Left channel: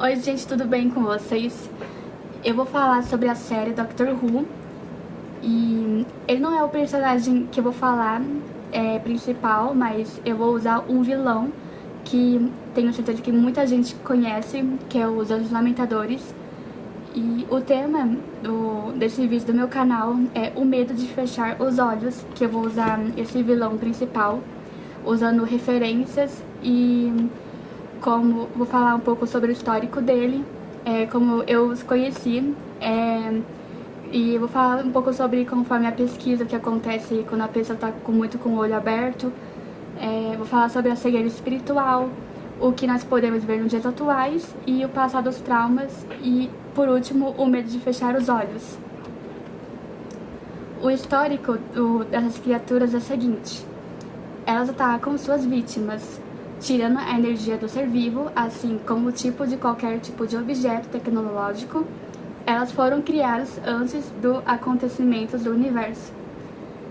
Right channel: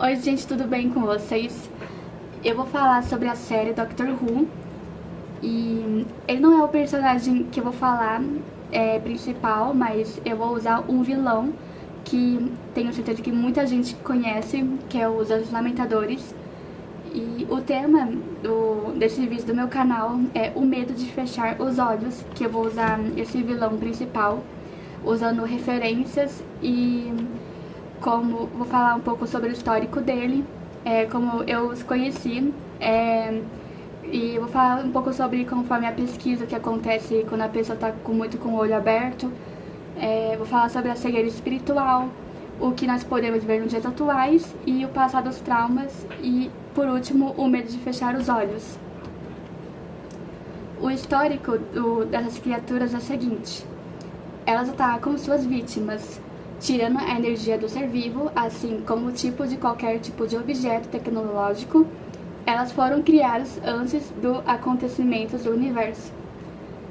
Oi gente, tudo bem com vocês? Eu vou falar sobre a série Doctor Who. E ele não é o personagem que eu vou falar principal, mas eu vou usar um vilão que tenho certeza que muita gente conhece, que é os Anjos Lamentadores. E o tema desse vídeo do meu canal é o medo de fechar os olhos, que eu vou usar esse vilão principal, usando referências e vou falar um pouco sobre o histórico dele, como eu os conheci, e vou falar um pouco sobre conforme a pesquisa que acontece quando a pessoa está muito com o olho aberto. Vou falar sobre a cegueira espiritual, o que nós podemos ver nos dias atuais e o passado dos traumas e, por último, o medo de fechar os olhos. O histórico dessas criaturas é o seguinte: elas atacam suas vítimas, tirando a energia do ser vivo, assim como o tipo de qualquer tipo de objeto tecnológico. Elas foram criadas antes do acontecimento do universo.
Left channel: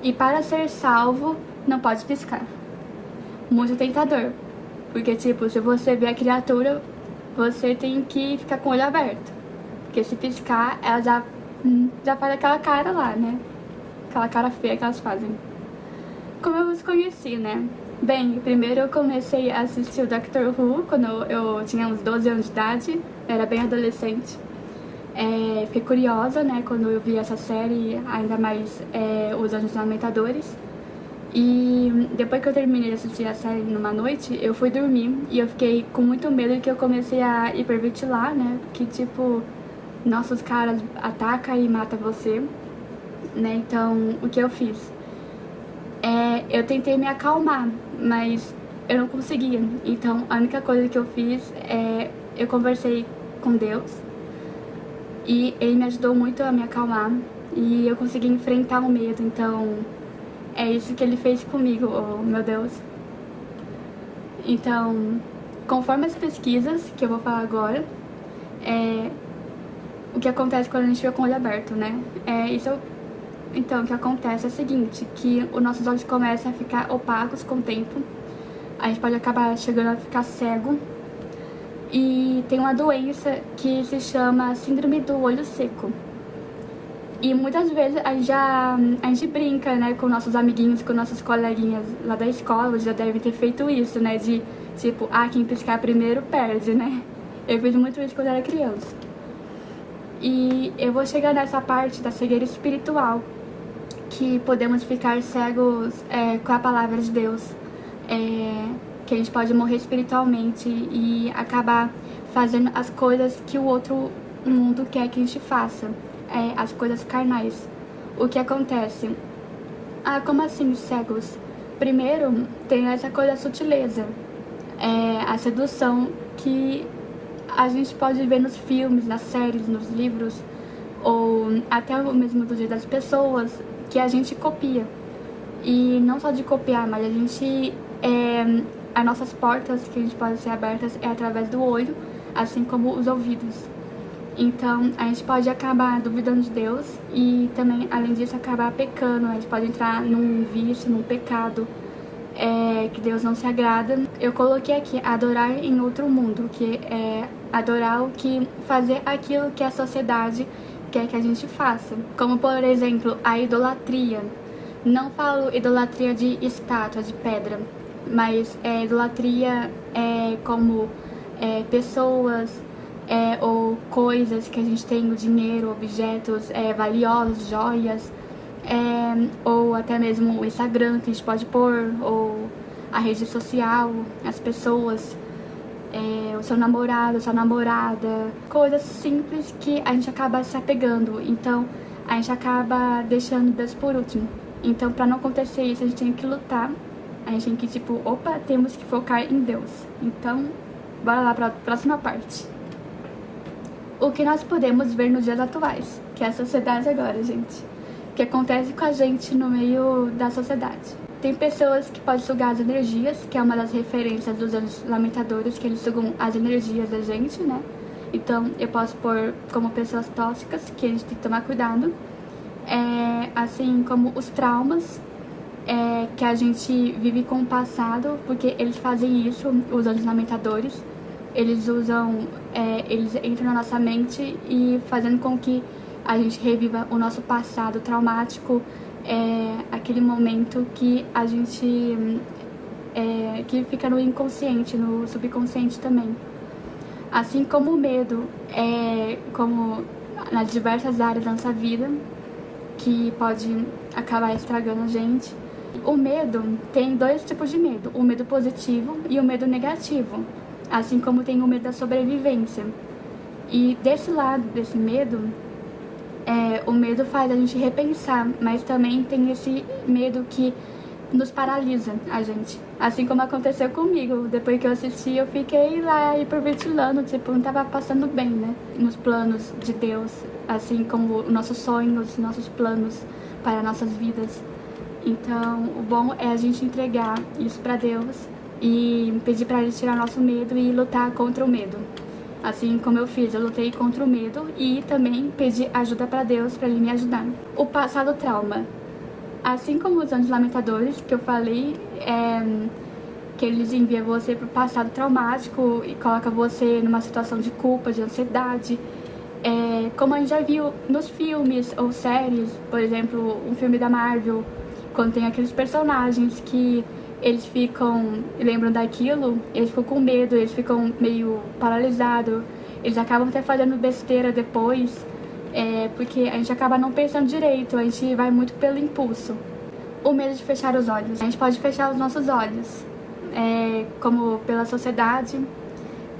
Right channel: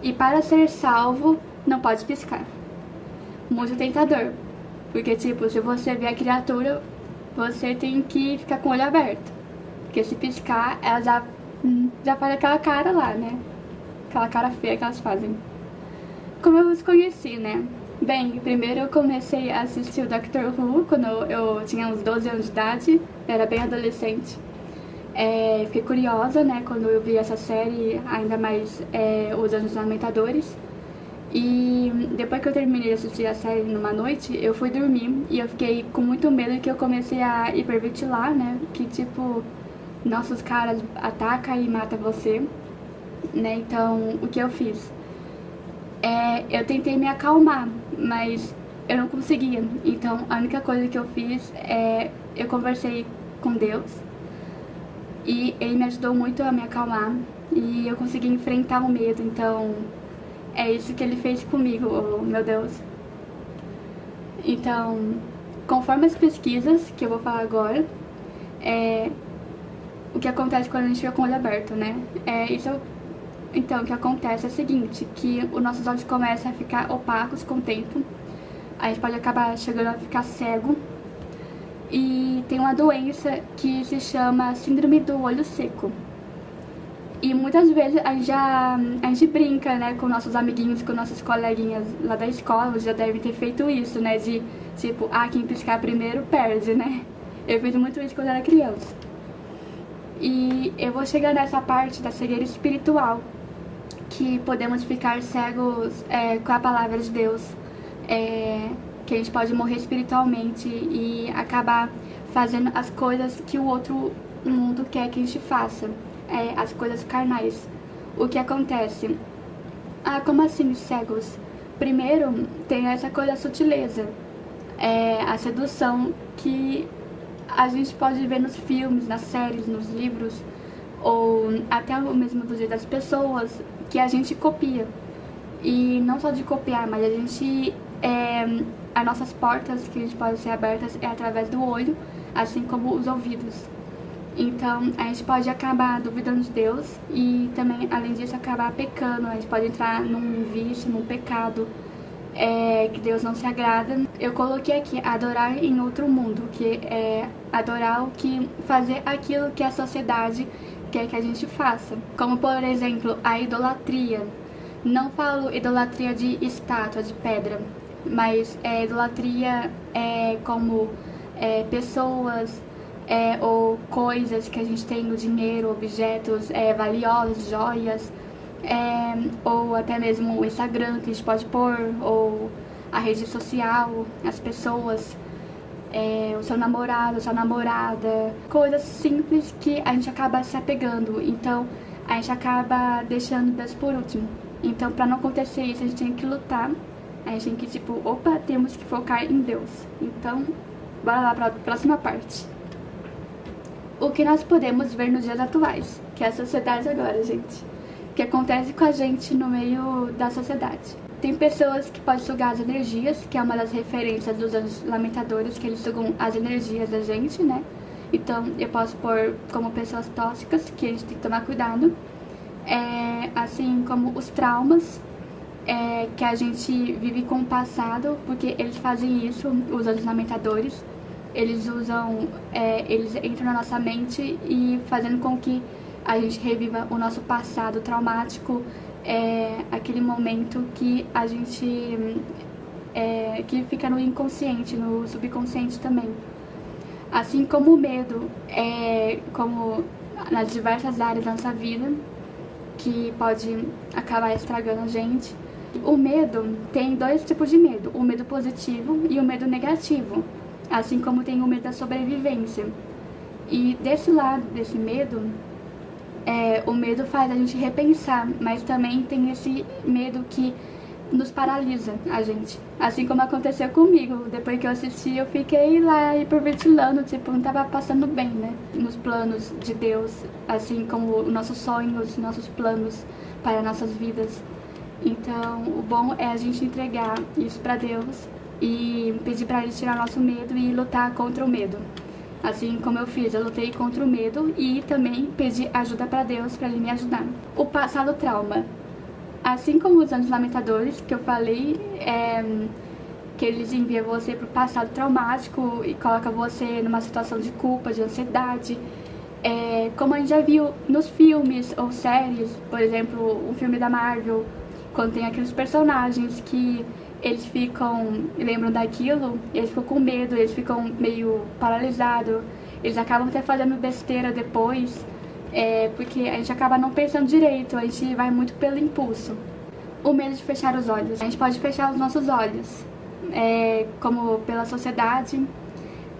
E para ser salvo, não pode piscar. Muito tentador, porque se você vê a criatura, você tem que ficar com o olho aberto. Porque se piscar, ela já faz aquela cara lá, né? Aquela cara feia que elas fazem. Como eu os conheci, né? Bem, primeiro eu comecei a assistir o Doctor Who quando eu tinha uns 12 anos de idade, eu era bem adolescente. Fiquei curiosa, né, quando eu vi essa série, ainda mais os Anjos Lamentadores. E depois que eu terminei de assistir a série numa noite, eu fui dormir e eu fiquei com muito medo que eu comecei a hiperventilar, né, que tipo, nossa, os caras atacam e matam você, né, então o que eu fiz? Eu tentei me acalmar, mas eu não conseguia. Então a única coisa que eu fiz eu conversei com Deus e ele me ajudou muito a me acalmar e eu consegui enfrentar o medo. Então é isso que ele fez comigo, oh, meu Deus. Então, conforme as pesquisas que eu vou falar agora, o que acontece quando a gente fica com o olho aberto, né? Então, o que acontece é o seguinte, que os nossos olhos começam a ficar opacos com o tempo. A gente pode acabar chegando a ficar cego. E tem uma doença que se chama síndrome do olho seco. E muitas vezes a gente brinca, né, com nossos amiguinhos, com nossas coleguinhas lá da escola, já devem ter feito isso, né, de tipo, quem piscar primeiro perde, né? Eu fiz muito isso quando era criança. E eu vou chegar nessa parte da cegueira espiritual, que podemos ficar cegos com a palavra de Deus, que a gente pode morrer espiritualmente e acabar fazendo as coisas que o outro mundo quer que a gente faça, as coisas carnais. O que acontece? Como assim cegos? Primeiro, tem essa coisa da sutileza, a sedução que a gente pode ver nos filmes, nas séries, nos livros, ou até mesmo do jeito das pessoas, que a gente copia. E não só de copiar, mas a gente as nossas portas que a gente pode ser abertas é através do olho, assim como os ouvidos. Então a gente pode acabar duvidando de Deus e também, além disso, acabar pecando. A gente pode entrar num vício, num pecado que Deus não se agrada. Eu coloquei aqui adorar em outro mundo, que é adorar fazer aquilo que a sociedade quer que a gente faça, como por exemplo a idolatria. Não falo idolatria de estátua, de pedra, mas idolatria como pessoas ou coisas que a gente tem, o dinheiro, objetos valiosos, joias, ou até mesmo o Instagram que a gente pode pôr, ou a rede social, as pessoas, o seu namorado, a sua namorada, coisas simples que a gente acaba se apegando. Então a gente acaba deixando Deus por último. Então, para não acontecer isso, a gente tem que lutar. A gente tem que, temos que focar em Deus. Então, bora lá para a próxima parte. O que nós podemos ver nos dias atuais, que é a sociedade agora, gente. O que acontece com a gente no meio da sociedade. Tem pessoas que podem sugar as energias, que é uma das referências dos Anjos Lamentadores, que eles sugam as energias da gente, né? Então, eu posso pôr como pessoas tóxicas, que a gente tem que tomar cuidado. Assim como os traumas que a gente vive com o passado, porque eles fazem isso, os Anjos Lamentadores. eles eles entram na nossa mente e fazendo com que a gente reviva o nosso passado traumático, aquele momento que a gente que fica no inconsciente, no subconsciente também. Assim como o medo, como nas diversas áreas da nossa vida, que pode acabar estragando a gente. O medo tem dois tipos de medo, o medo positivo e o medo negativo, assim como tem o medo da sobrevivência. E desse lado, desse medo, o medo faz a gente repensar, mas também tem esse medo que nos paralisa a gente. Assim como aconteceu comigo, depois que eu assisti, eu fiquei lá hiperventilando, tipo, não tava passando bem, né? Nos planos de Deus, assim como nossos sonhos, nossos planos para nossas vidas. Então, o bom é a gente entregar isso pra Deus e pedir pra Ele tirar nosso medo e lutar contra o medo. Assim como eu fiz, eu lutei contra o medo e também pedi ajuda pra Deus, pra Ele me ajudar. O passado trauma. Assim como os Anjos Lamentadores, que eu falei, que eles enviam você pro passado traumático e colocam você numa situação de culpa, de ansiedade. Como a gente já viu nos filmes ou séries, por exemplo, um filme da Marvel, quando tem aqueles personagens que eles lembram daquilo, eles ficam com medo, eles ficam meio paralisados, eles acabam até fazendo besteira depois, porque a gente acaba não pensando direito, a gente vai muito pelo impulso. O medo de fechar os olhos. A gente pode fechar os nossos olhos, como pela sociedade,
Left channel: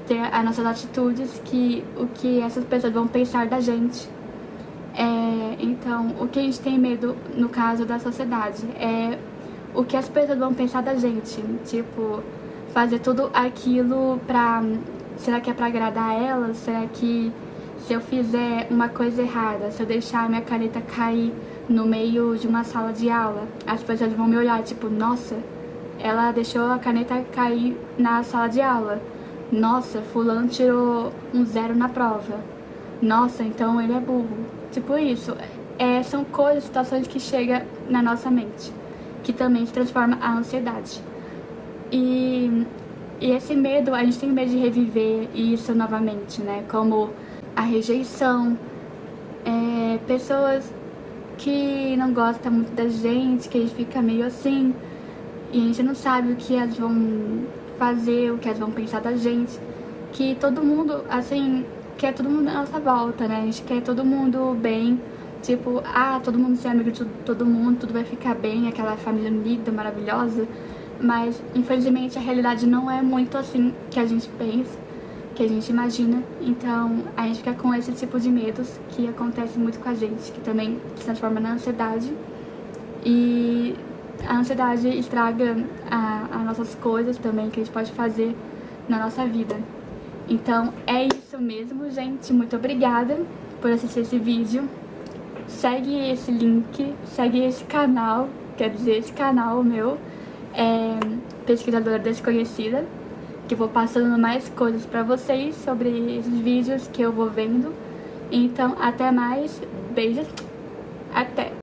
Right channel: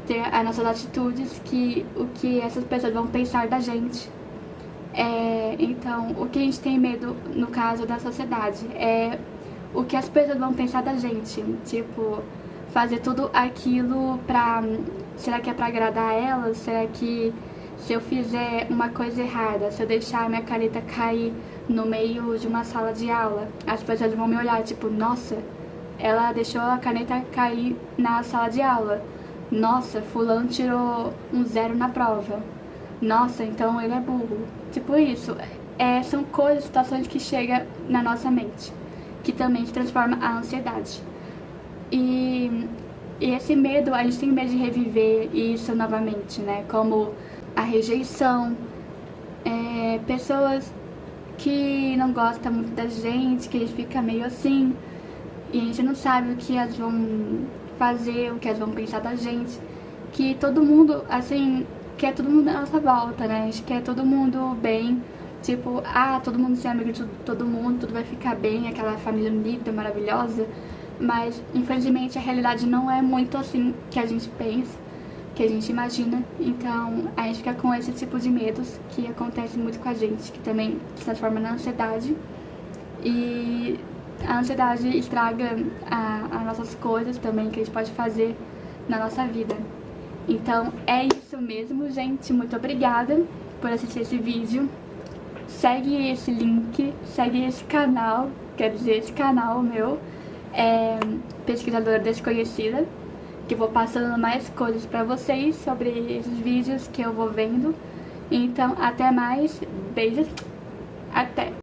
ter as nossas atitudes, o que essas pessoas vão pensar da gente. Então, o que a gente tem medo no caso da sociedade é o que as pessoas vão pensar da gente. Tipo, fazer tudo aquilo será que é pra agradar elas? Será que se eu fizer uma coisa errada, se eu deixar a minha caneta cair no meio de uma sala de aula, as pessoas vão me olhar, tipo, nossa, ela deixou a caneta cair na sala de aula. Nossa, fulano tirou um 0 na prova. Nossa, então ele é burro. Tipo isso. São coisas, situações que chegam na nossa mente, que também se transforma a ansiedade. E esse medo, a gente tem medo de reviver isso novamente, né? Como a rejeição, pessoas que não gostam muito da gente, que a gente fica meio assim, e a gente não sabe o que elas vão fazer, o que elas vão pensar da gente, que todo mundo, assim, quer todo mundo à nossa volta, né? A gente quer todo mundo bem, tipo, todo mundo ser amigo de todo mundo, tudo vai ficar bem, aquela família unida, maravilhosa, mas infelizmente a realidade não é muito assim que a gente pensa, que a gente imagina. Então a gente fica com esse tipo de medos que acontece muito com a gente, que também se transforma na ansiedade, e a ansiedade estraga as nossas coisas também que a gente pode fazer na nossa vida. Então é isso mesmo, gente. Muito obrigada por assistir esse vídeo. Segue esse link, segue esse canal, quer dizer, esse canal meu, Pesquisadora Desconhecida, que eu vou passando mais coisas pra vocês sobre esses vídeos que eu vou vendo. Então, até mais. Beijos. Até!